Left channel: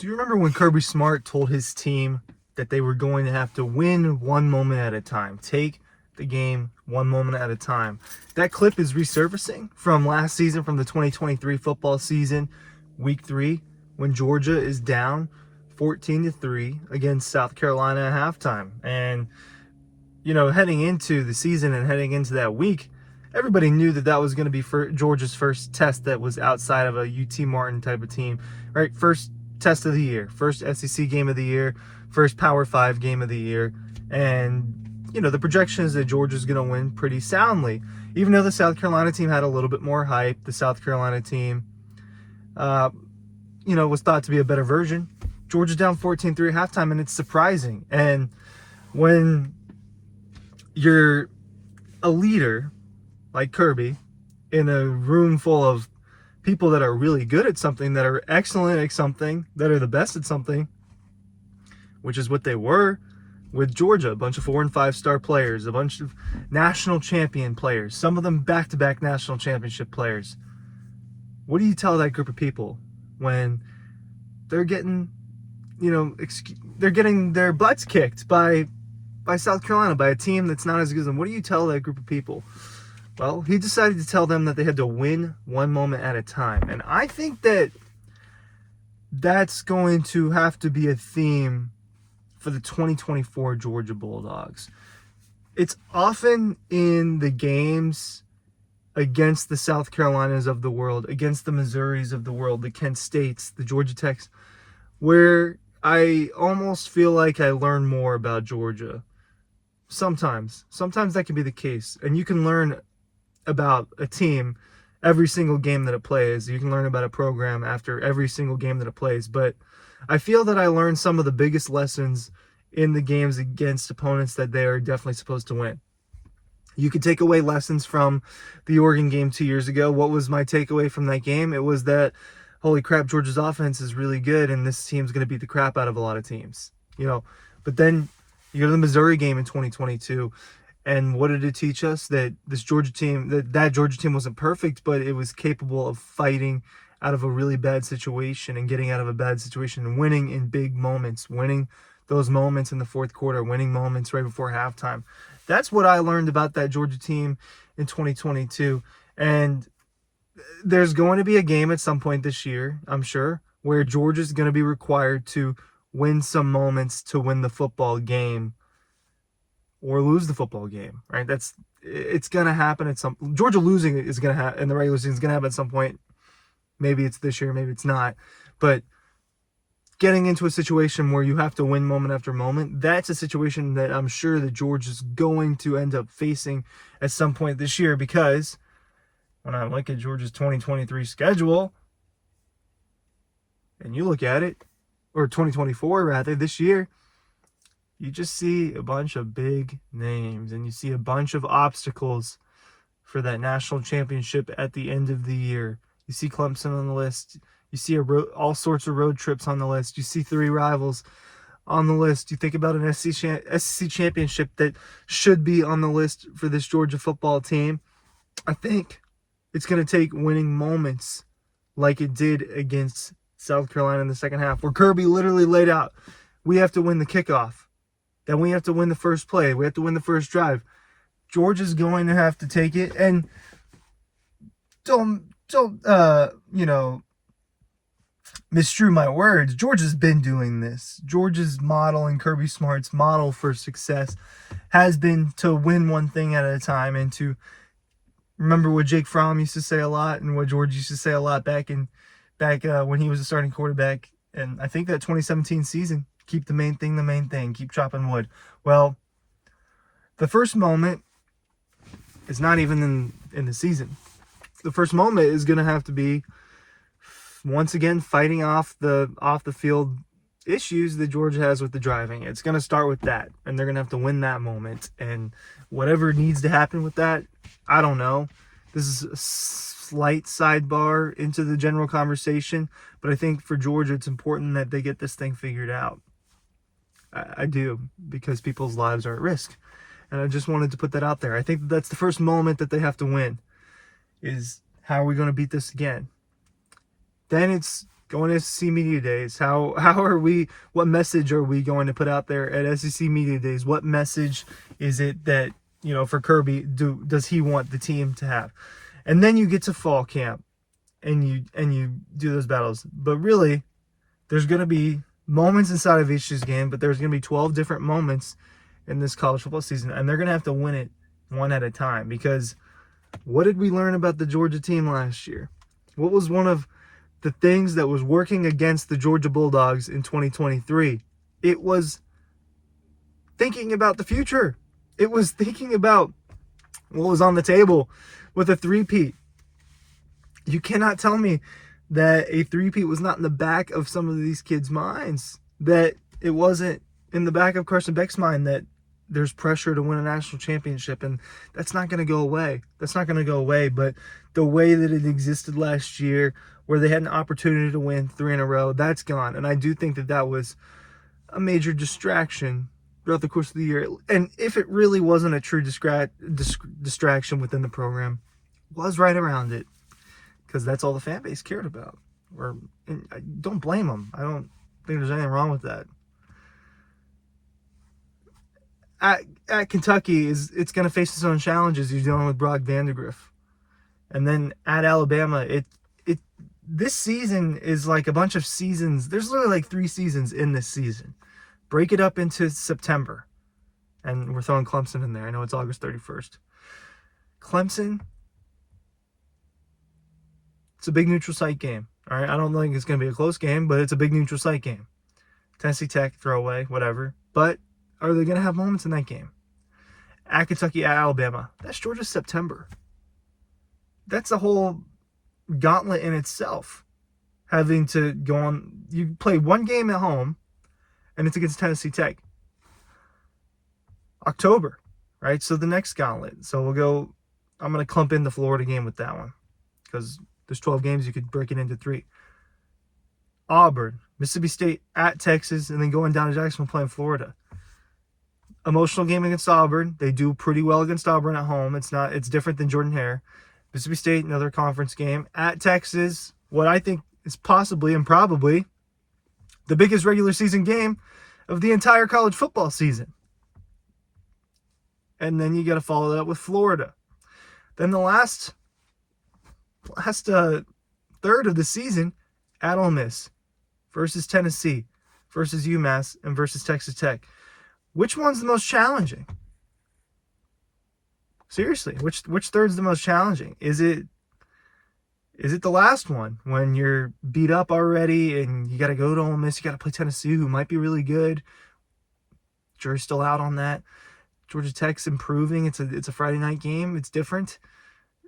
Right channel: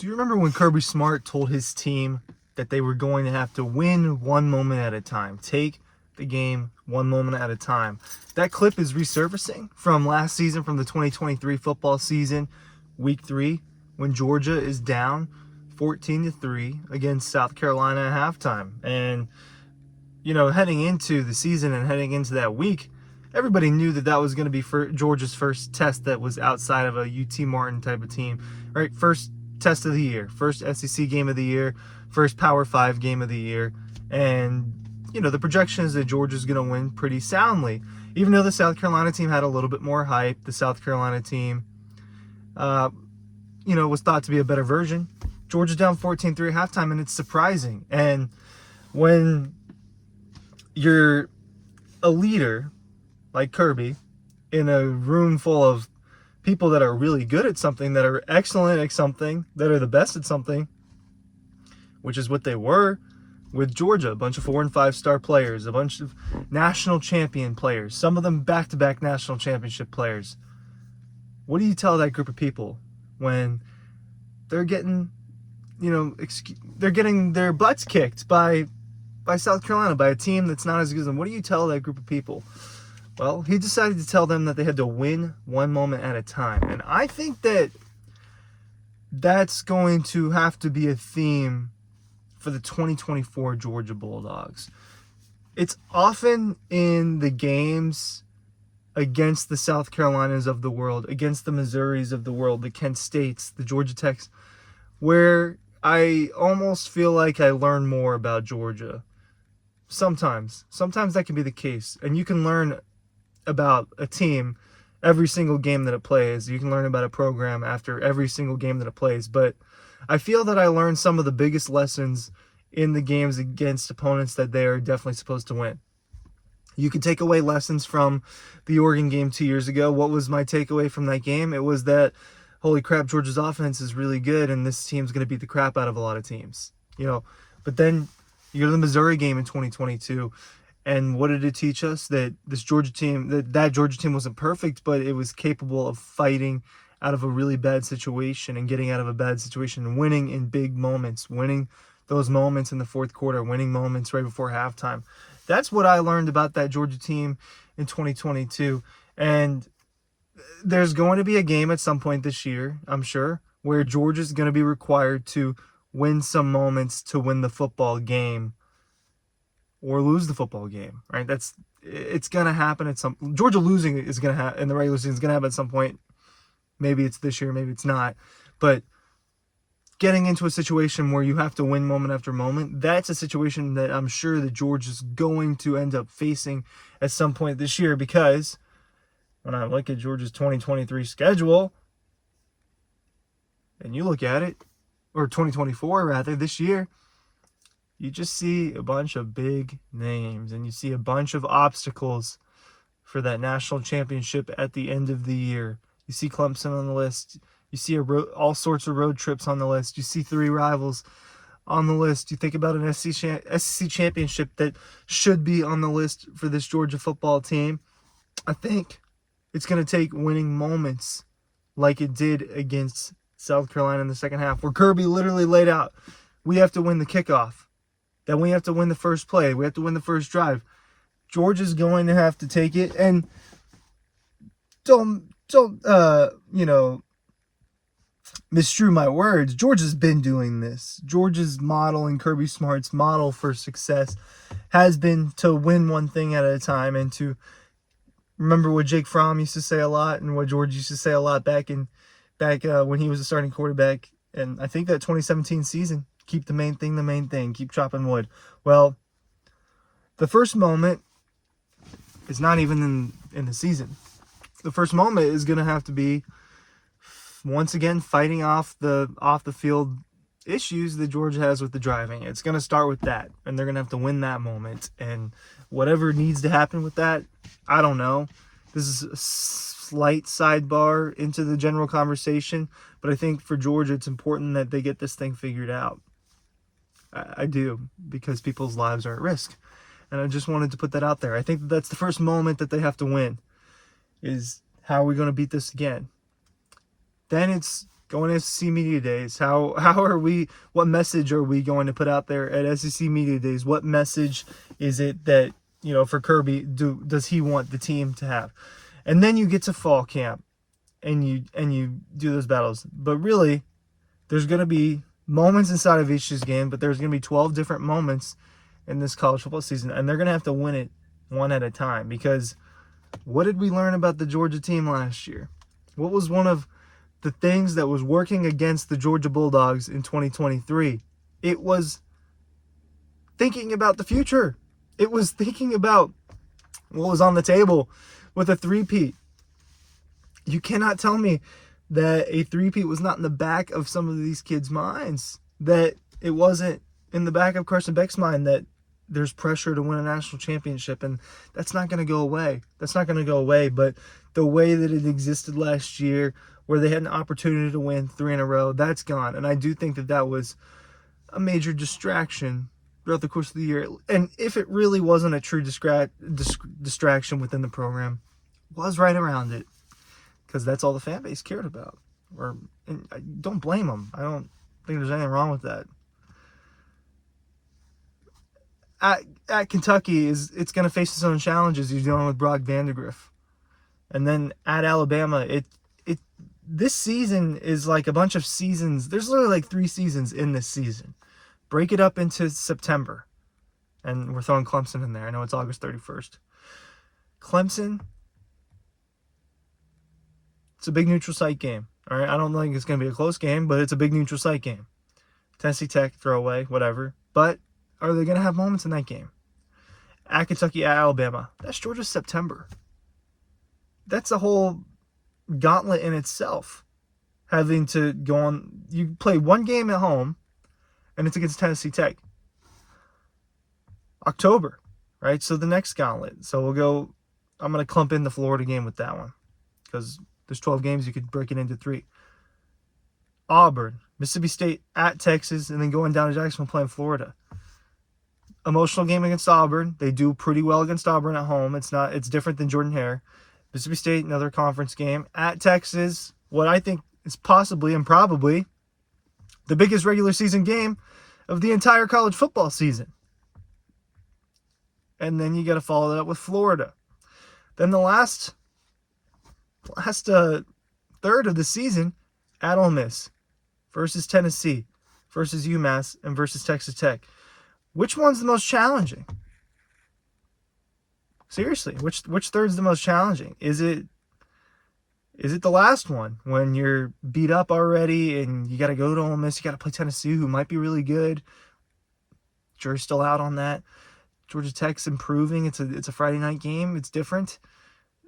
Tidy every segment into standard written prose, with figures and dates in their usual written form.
Do you remember when Kirby Smart told his team that they were going to have to win one moment at a time? Take the game one moment at a time. That clip is resurfacing from last season, from the 2023 football season, week 3, when Georgia is down 14-3 against South Carolina at halftime. And, you know, heading into the season and heading into that week, everybody knew that that was going to be Georgia's first test that was outside of a UT Martin type of team, right? First test of the year, first SEC game of the year, first Power 5 game of the year. And, you know, the projection is that Georgia's going to win pretty soundly. Even though the South Carolina team had a little bit more hype, the South Carolina team, you know, was thought to be a better version. Georgia's down 14-3 at halftime, and it's surprising. And when you're a leader like Kirby in a room full of people that are really good at something, that are excellent at something, that are the best at something, which is what they were with Georgia, a bunch of 4- and 5-star players, a bunch of national champion players, some of them back-to-back national championship players. What do you tell that group of people when they're getting, you know, they're getting their butts kicked by South Carolina, by a team that's not as good as them? What do you tell that group of people? Well, he decided to tell them that they had to win one moment at a time. And I think that that's going to have to be a theme for the 2024 Georgia Bulldogs. It's often in the games against the South Carolinas of the world, against the Missouris of the world, the Kent States, the Georgia Techs, where I almost feel like I learn more about Georgia. Sometimes that can be the case. And you can learn about a team every single game that it plays. You can learn about a program after every single game that it plays. But I feel that I learned some of the biggest lessons in the games against opponents that they are definitely supposed to win. You could take away lessons from the Oregon game 2 years ago. What was my takeaway from that game? It was that, holy crap, Georgia's offense is really good, and this team's going to beat the crap out of a lot of teams. You know, but then you go to the Missouri game in 2022, and what did it teach us? That this Georgia team, that Georgia team wasn't perfect, but it was capable of fighting out of a really bad situation and getting out of a bad situation and winning in big moments, winning those moments in the fourth quarter, winning moments right before halftime. That's what I learned about that Georgia team in 2022. And there's going to be a game at some point this year, I'm sure, where Georgia's going to be required to win some moments to win the football game or lose the football game, right? It's going to happen at some. Georgia losing is going to happen in the regular season, is going to happen at some point. Maybe it's this year, maybe it's not. But getting into a situation where you have to win moment after moment, that's a situation that I'm sure that Georgia's going to end up facing at some point this year, because when I look at Georgia's 2023 schedule, and you look at it, or 2024 rather, this year, you just see a bunch of big names, and you see a bunch of obstacles for that national championship at the end of the year. You see Clemson on the list. You see all sorts of road trips on the list. You see 3 rivals on the list. You think about an SEC championship that should be on the list for this Georgia football team. I think it's going to take winning moments like it did against South Carolina in the second half, where Kirby literally laid out, we have to win the kickoff. Then we have to win the first play. We have to win the first drive. Georgia's going to have to take it. And don't you know, misstrew my words. Georgia's been doing this. Georgia's model and Kirby Smart's model for success has been to win one thing at a time, and to remember what Jake Fromm used to say a lot, and what George used to say a lot back when he was a starting quarterback. And I think that 2017 season, keep the main thing, keep chopping wood. Well, the first moment is not even in the season. The first moment is going to have to be, once again, fighting off the field issues that Georgia has with the driving. It's going to start with that, and they're going to have to win that moment. And whatever needs to happen with that, I don't know. This is a slight sidebar into the general conversation, but I think for Georgia, it's important that they get this thing figured out. I do, because people's lives are at risk. And I just wanted to put that out there. I think that's the first moment that they have to win, is how are we going to beat this again? Then it's going to SEC Media Days. How are we, what message are we going to put out there at SEC Media Days? What message is it that, for Kirby, does he want the team to have? And then you get to fall camp and you do those battles. But really, there's going to be moments inside of each game, but there's going to be 12 different moments in this college football season, and they're going to have to win it one at a time. Because what did we learn about the Georgia team last year? What was one of the things that was working against the Georgia Bulldogs in 2023? It was thinking about the future. It was thinking about what was on the table with a three-peat. You cannot tell me that a three-peat was not in the back of some of these kids' minds, that it wasn't in the back of Carson Beck's mind that there's pressure to win a national championship, and that's not going to go away. That's not going to go away, but the way that it existed last year, where they had an opportunity to win 3 in a row, that's gone. And I do think that that was a major distraction throughout the course of the year. And if it really wasn't a true distraction within the program, was right around it, because that's all the fan base cared about. And I don't blame them. I don't think there's anything wrong with that. At Kentucky, it's going to face its own challenges. You're dealing with Brock Vandegrift. And then at Alabama, this season is like a bunch of seasons. There's literally like 3 seasons in this season. Break it up into September. And we're throwing Clemson in there. I know it's August 31st. Clemson, it's a big neutral site game. All right, I don't think it's going to be a close game, but it's a big neutral site game. Tennessee Tech, throwaway, whatever. But are they going to have moments in that game? At Kentucky, at Alabama. That's Georgia's September. That's a whole gauntlet in itself. Having to go on. You play one game at home, and it's against Tennessee Tech. October, right? So the next gauntlet. So I'm going to clump in the Florida game with that one, because there's 12 games. You could break it into 3. Auburn, Mississippi State, at Texas, and then going down to Jacksonville playing Florida. Emotional game against Auburn. They do pretty well against Auburn at home. It's different than Jordan-Hare. Mississippi State, another conference game. At Texas, what I think is possibly and probably the biggest regular season game of the entire college football season. And then you got to follow that up with Florida. Then the last third of the season, at Ole Miss versus Tennessee versus UMass and versus Texas Tech. Which one's the most challenging? Seriously, which third's the most challenging? Is it the last one when you're beat up already and you got to go to Ole Miss, you got to play Tennessee, who might be really good? Jury's still out on that. Georgia Tech's improving. It's a Friday night game. It's different.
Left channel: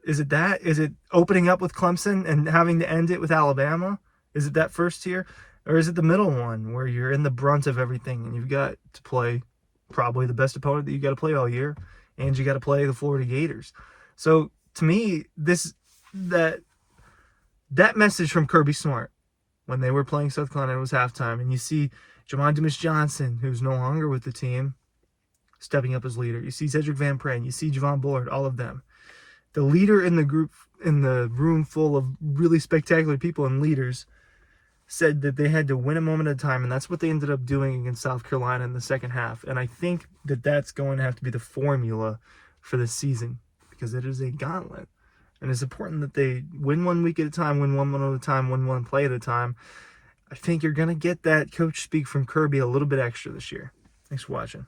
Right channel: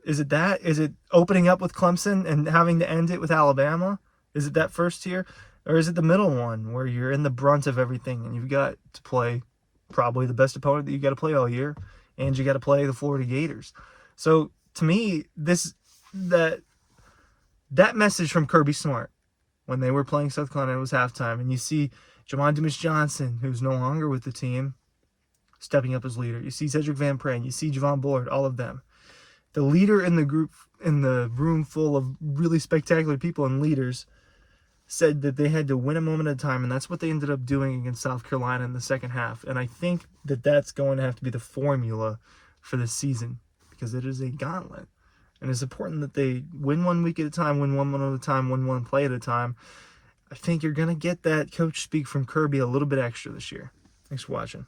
Is it that? Is it opening up with Clemson and having to end it with Alabama? Is it that first tier? Or is it the middle one where you're in the brunt of everything and you've got to play probably the best opponent that you got to play all year, and you got to play the Florida Gators? So to me, that message from Kirby Smart when they were playing South Carolina, it was halftime, and you see Jamon Dumas-Johnson, who's no longer with the team, stepping up as leader. You see Cedric Van Pran, you see Javon Bullard, all of them. The leader in the group, in the room full of really spectacular people and leaders, said that they had to win a moment at a time, and that's what they ended up doing against South Carolina in the second half. And I think that that's going to have to be the formula for this season, because it is a gauntlet. And it's important that they win 1 week at a time, win one at a time, win one play at a time. I think you're going to get that coach speak from Kirby a little bit extra this year. Thanks for watching.